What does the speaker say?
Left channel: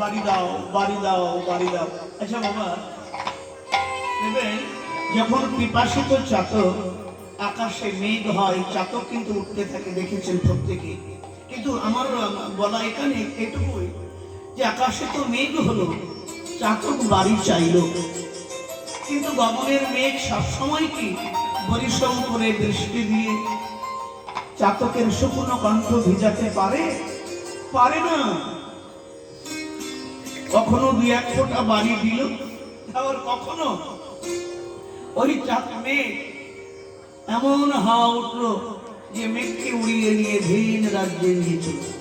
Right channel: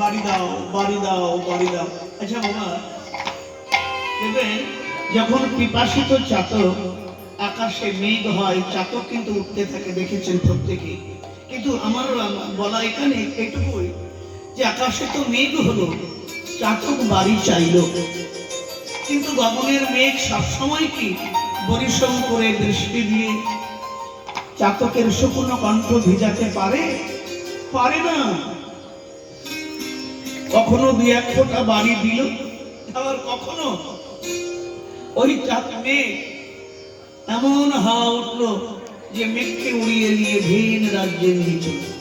বাড়ি দাও বাড়ি দাও বাড়ি দাও। আচ্ছা বাবা, দেখবেন যখন পিপাসিত চাতক আকাশে মেঘ হয়, চাতক কিন্তু উঠতে থাকে, দেখেছেন প্রত্যেকে। কিন্তু আমার বলা এখানে এটুকুই যে আকাশে তো মেঘ হলো, চাতক বাড়ি চাইল, কিন্তু গগনের মেঘ সবসময় কি পরিশ্রম করে বৃষ্টি দিয়ে চাতকের শুকনো কণ্ঠ ভিজাতে পারে? পারে না। কখনো দুই এক ফোঁটা বাড়ি দিল, আবার কখনো ওই মেঘ এমন হাওয়া উঠলো যে মেঘকে উড়িয়ে নিয়ে ভিন রাজ্যে নিয়ে চলল।